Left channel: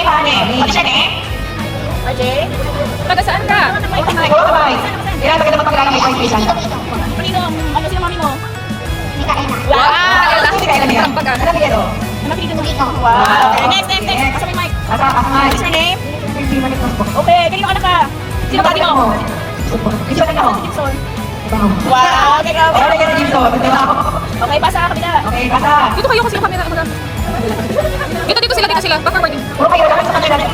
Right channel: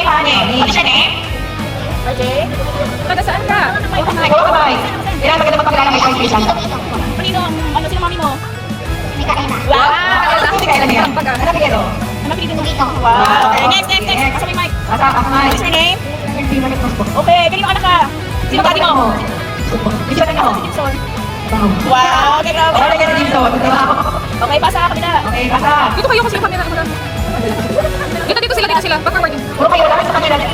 Okay, pare. What's your name? RJ? Taga saan ka? Bye. Kailangan maganda magpakilala may confusion. Kanino? Ano sino mami mo? Wow! Kasi kailan niya? Ano bigyan? Napilitin mo dito. Wow. Okay, next. Pasok mo yung mic. What's your name? Okay, kanino anak ka? Sino daddy mo? Bisa ka ako. Gibson. Wow, okay, grabe. Okay, kasi dito. Okay, pasa ka kanina. Okay, basta. Dito kayo kasi yung camera mo lang. Dito sila. Back forward. Okay, wala kang kamera dyan.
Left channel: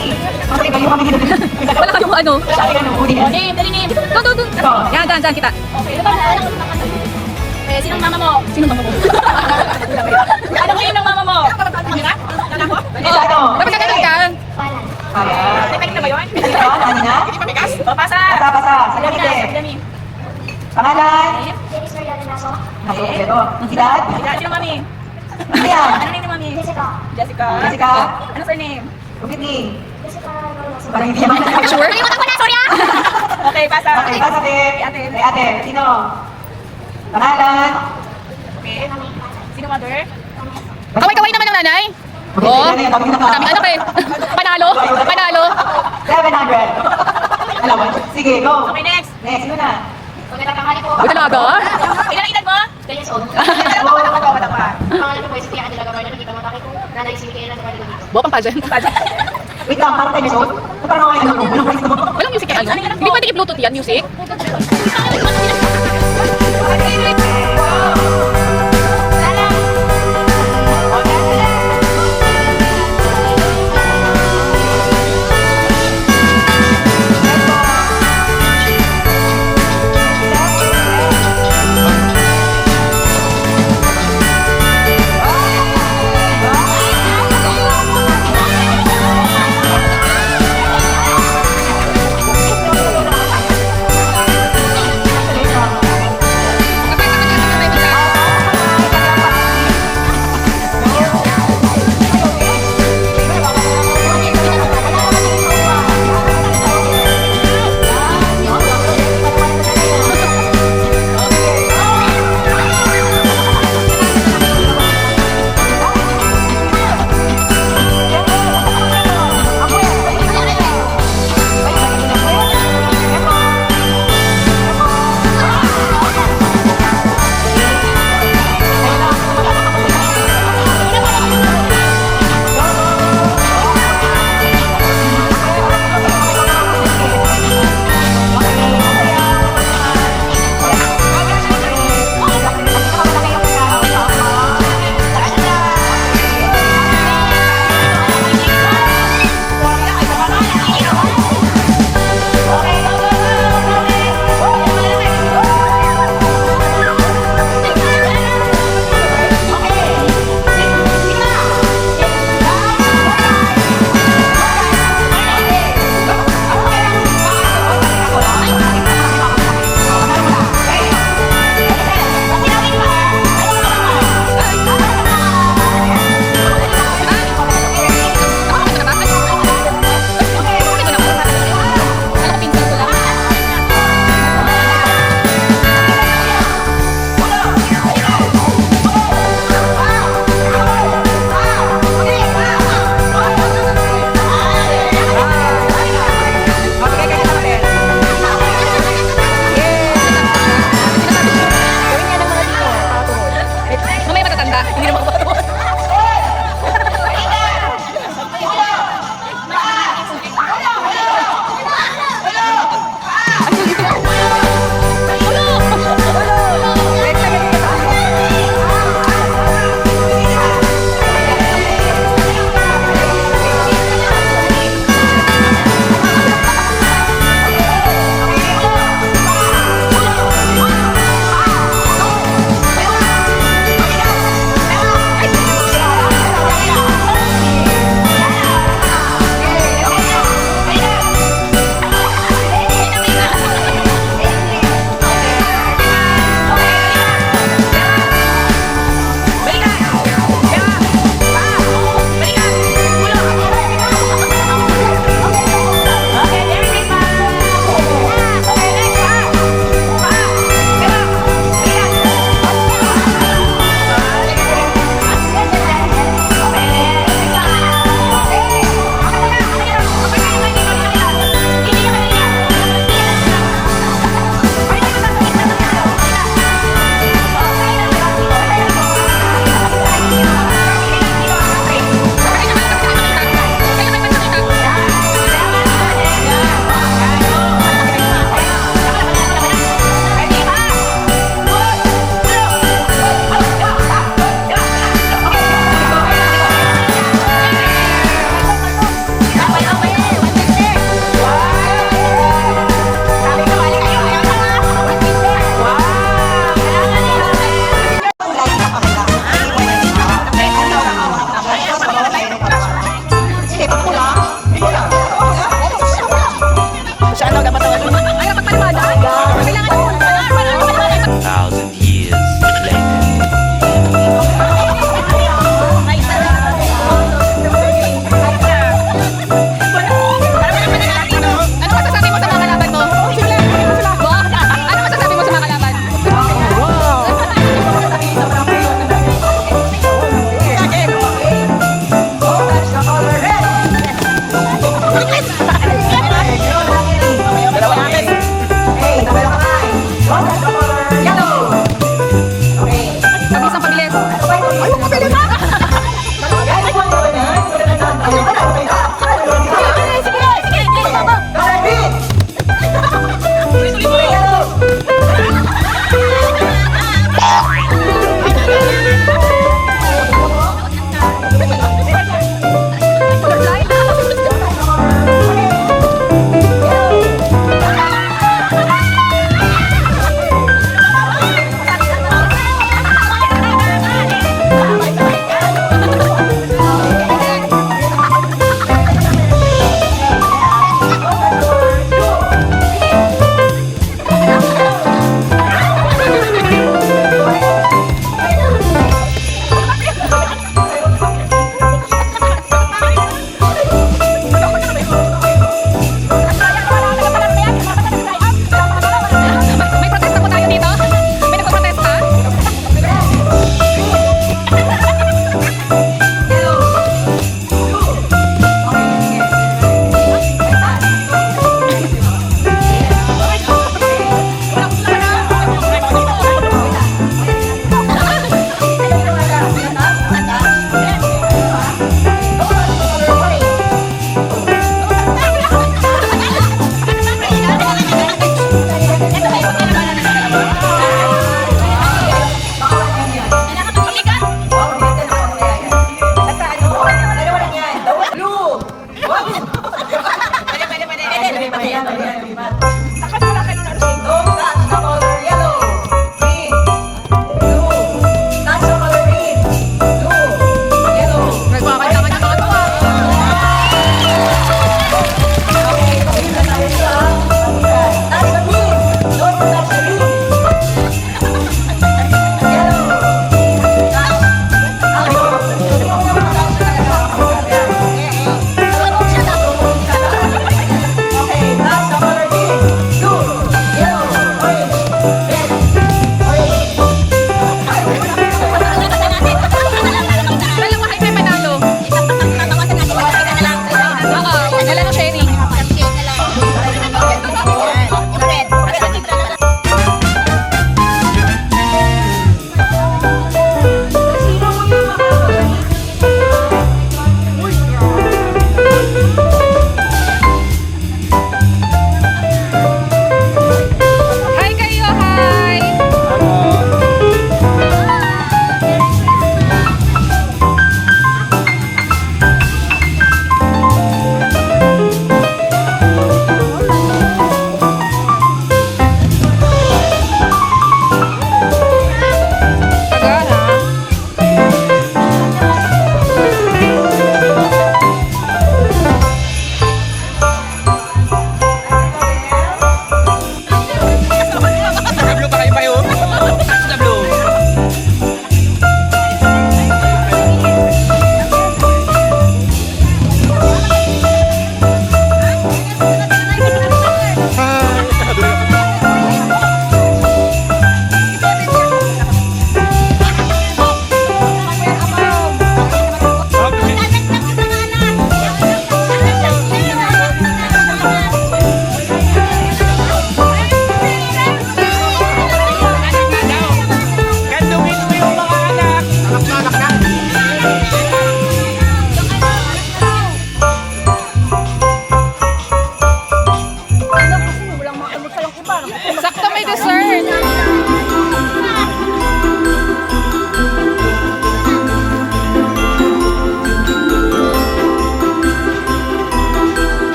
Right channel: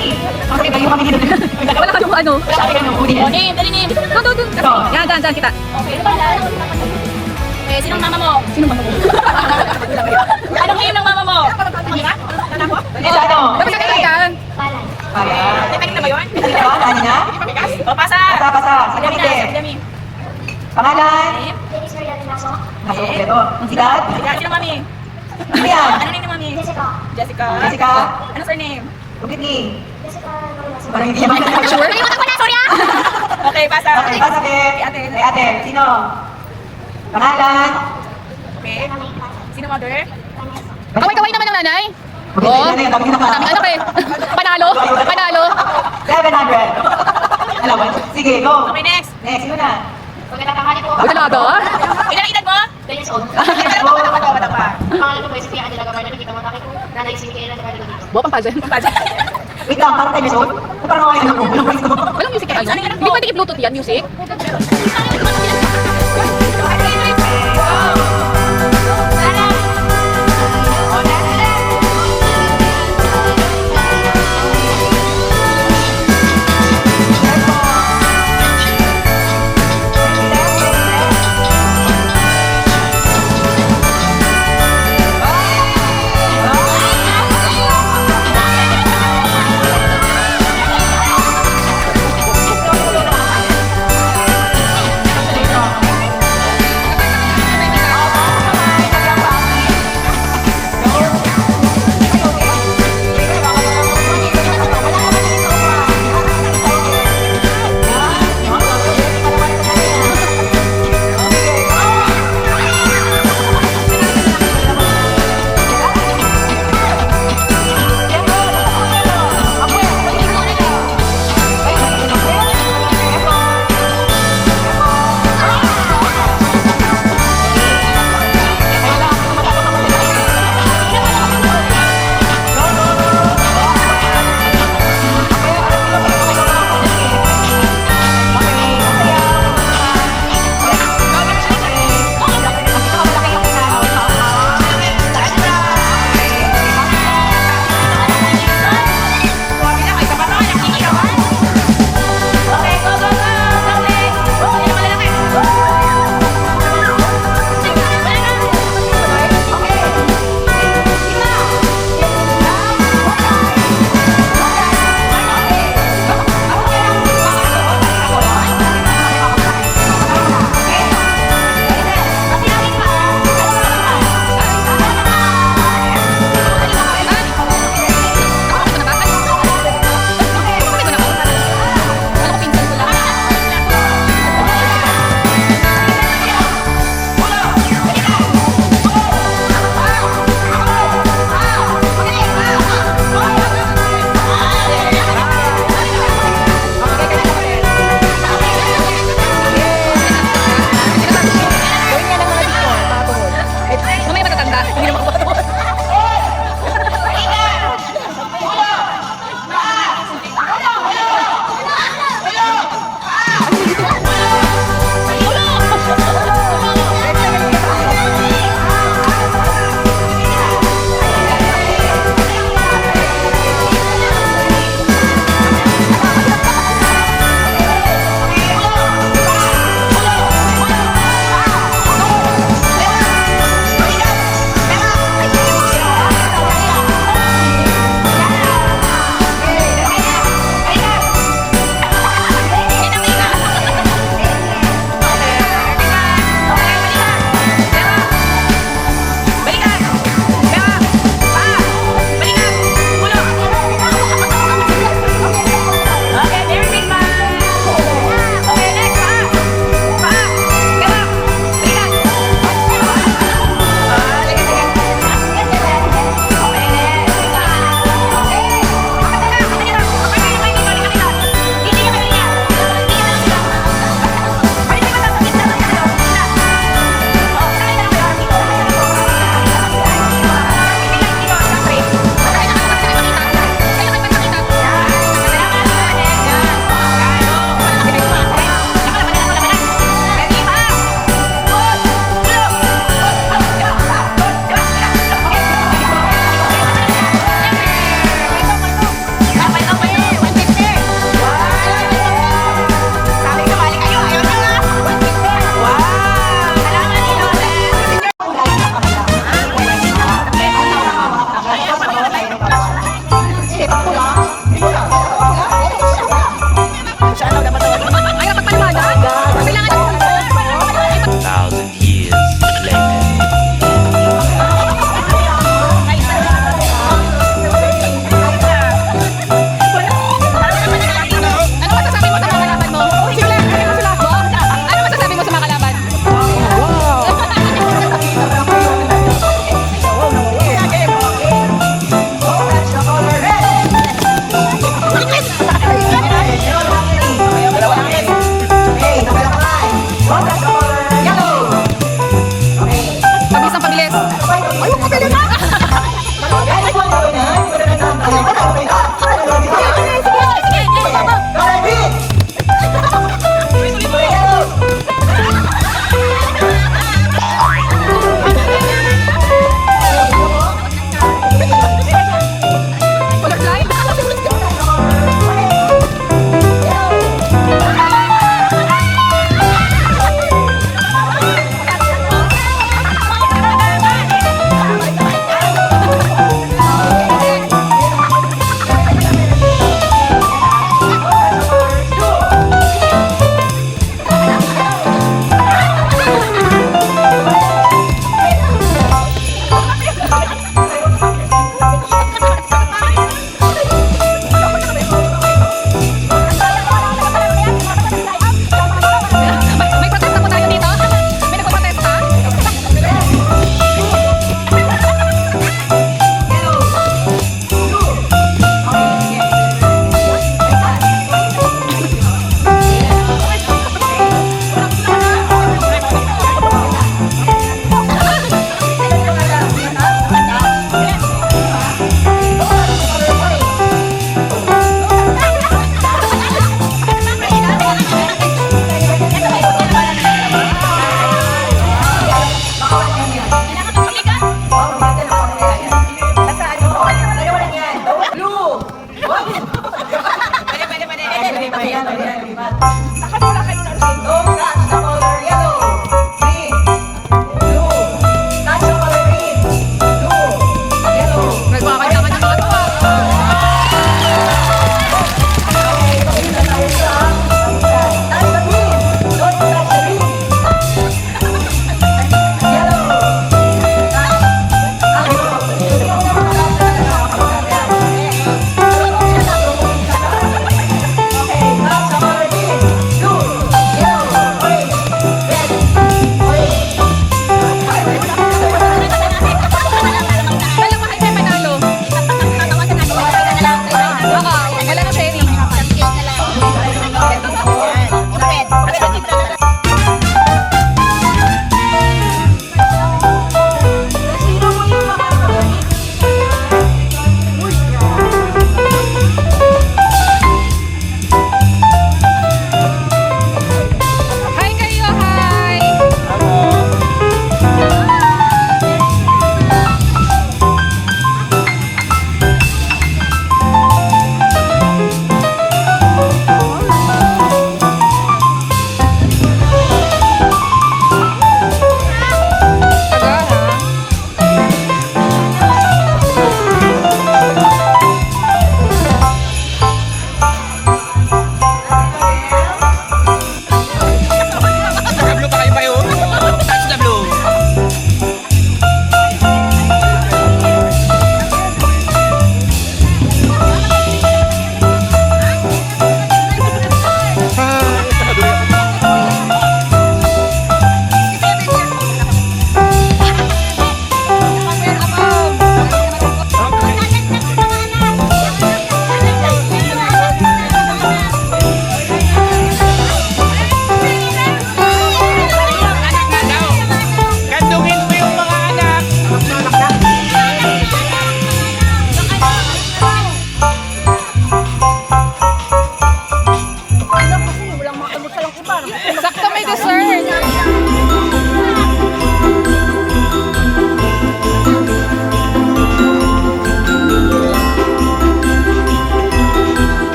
Okay, kayo kami dito. Wala kayong ano. Sabi ka nung huli. Name, dali name. Doon. Yan, dyan kita. Okay, sinong mama mo? Sino mama mo? Anong name ng mama mo? Mira? Lalako? Oh, dapat kakailan. Kanina ba yun? Ano na? O, pasa. Pasa. Sabi na. Pangalan? Okay, ito. Edad? Sino mami? Ano yan? Ano name ni mami? Jessica. Jessica? Ano surname? Whitney? Parang hindi naman. Sure? Nalimutan ko na, sorry ah! Okay, pasa. Okay, basta ate. Sino? Pangalan? Okay. Sino mother? Kaway-kaway naman ng nanay. Oo. Maraming anak eh. Panalo. 700. Sige, go. Okay, next. Next, sino na? Uy, talaga? Ilan edad mo? Buwapang pageant. Wait lang, parang tayo nito. Parang nawain. Walang music yan, ano? Hindi pwede i-bluetooth yan, music?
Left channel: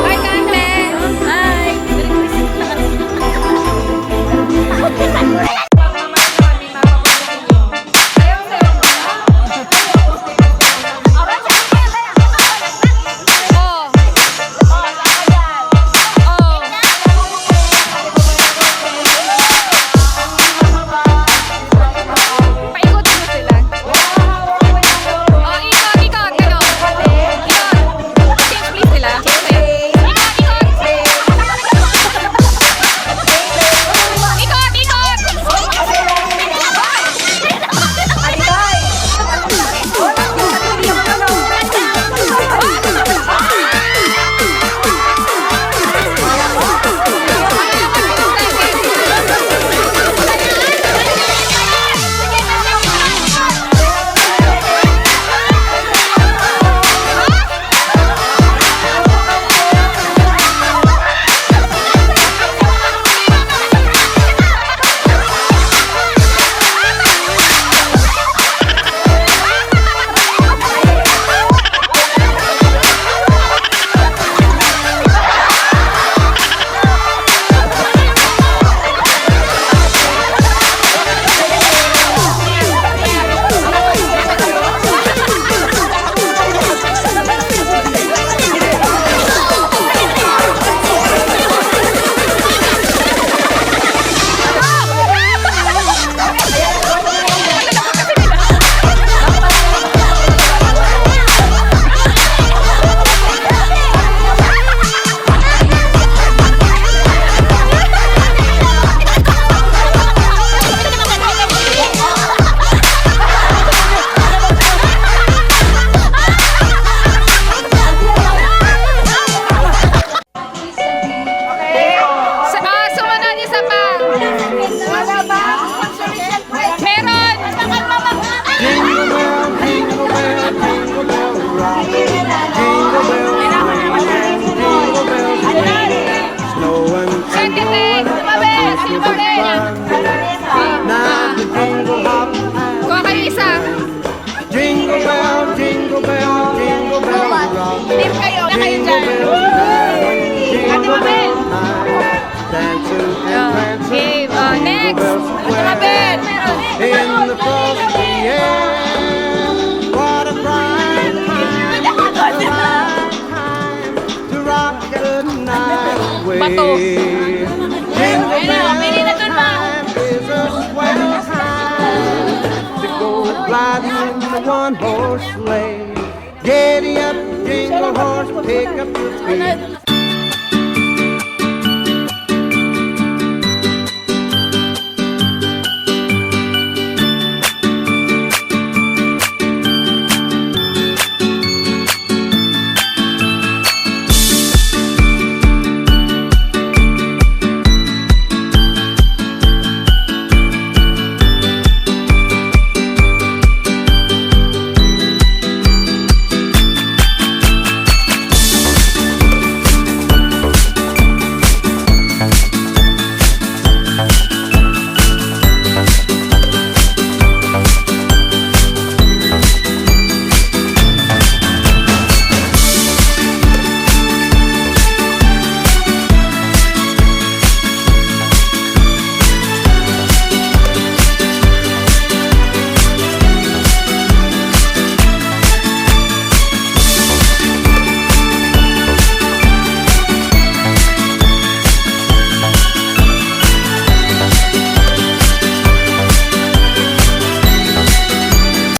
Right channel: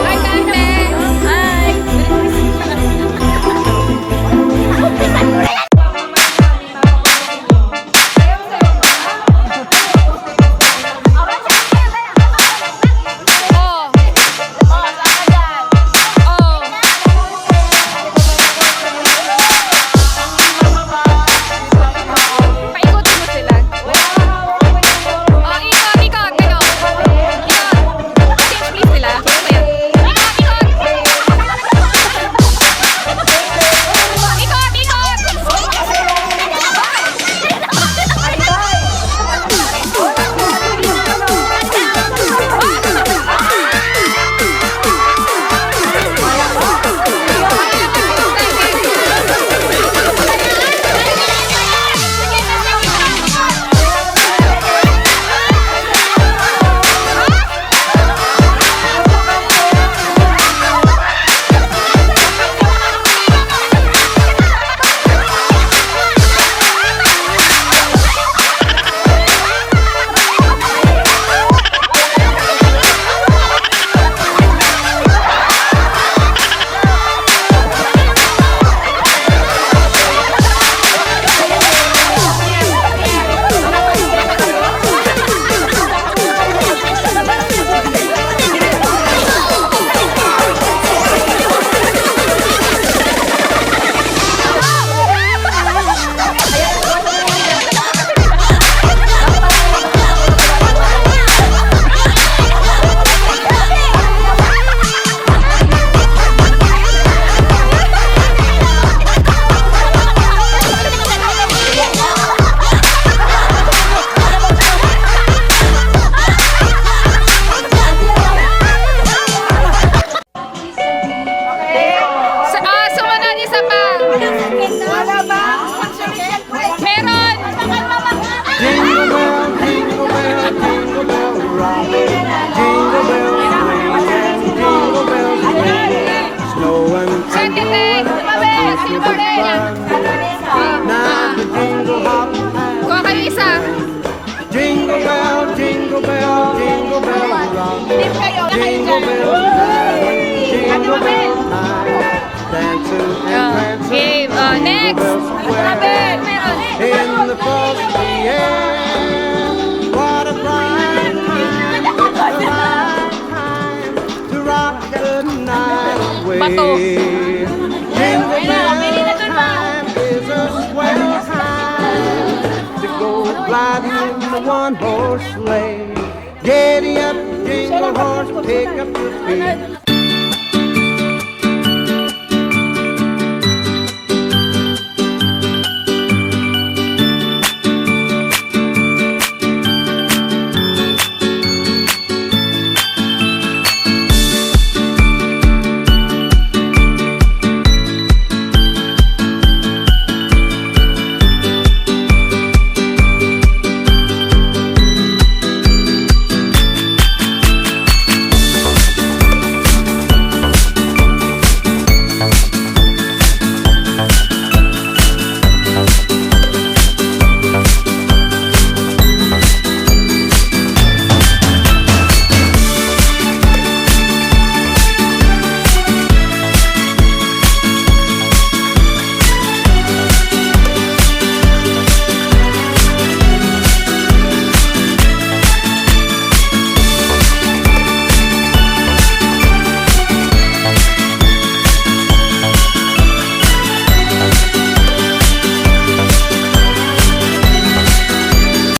Hi, Kante! Hi! Oh! Oh! Paikutin mo sila. Oh, ikot, ikot, kayo. Ikot. Change please sila. Saya. Ikot, ikot. Ikot, ikot. Sumunod isa pa. Meron. Jingle bell, jingle bell, jingle bell rock. Jingle bells swing and jingle bells ring. Snowing and Second blowing tumabi. up Sino into pa the rin? fun. Now the jingle hop Kuha kayo isa. jingle bell, jingle bell, jingle bell rock. Jingle bell time, jingle bell time. Dancing and prancing, Okay, jingle next. bell square. In the frosty air, what a bright time! It's the right time to rock the night away. Bato. Jingle bell time is a swell time to go gliding in the one-horse sleigh. Giddy up, jingle horse, pick up your feet.